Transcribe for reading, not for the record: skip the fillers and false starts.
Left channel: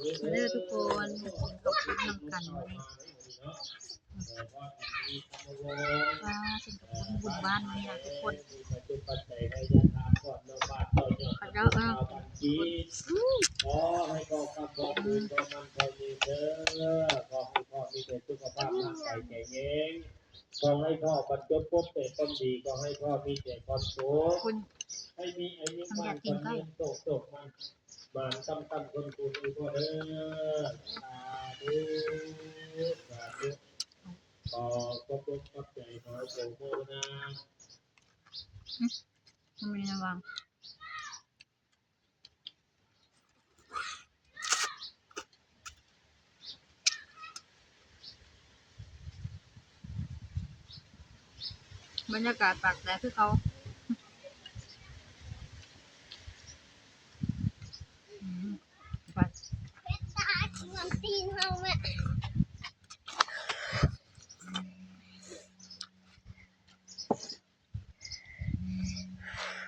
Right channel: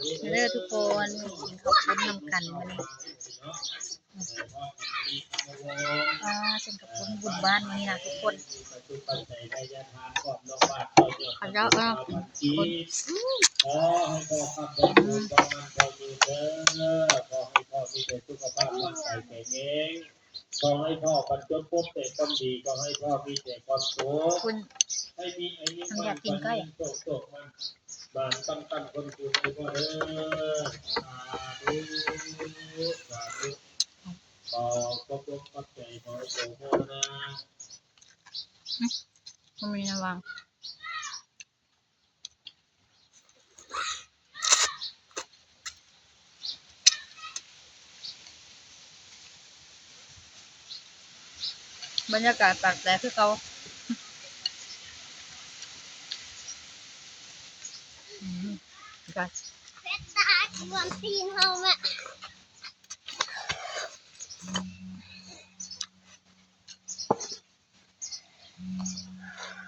เด้อทุกคนกินข้าวปุ้นนำกันมื้อนี้เส้นข้าวปุ้นบุญบ้านมื้อนี้นะทุกคนเขาเจ้ากินคนขอให้พ่อขับรถดูขอมันขอยืนเด้อขอให้พ่อมีแต่สุขภาพร่างกายแข็งแรงขอให้พ่อบรรจบพบแต่ความดีขอให้พ่อมีแต่ความสุขคุณให้มีไอ้ยิ่งมันคนยิ่งโตมันบานตั้งคนคุณให้พ่อเด้อสาธุสาธุขอขอบใจขอโสมนะ มันมีระวังบรรยากาศตากแดดคือเขาเพชรตาชวนตีนเฮาแม่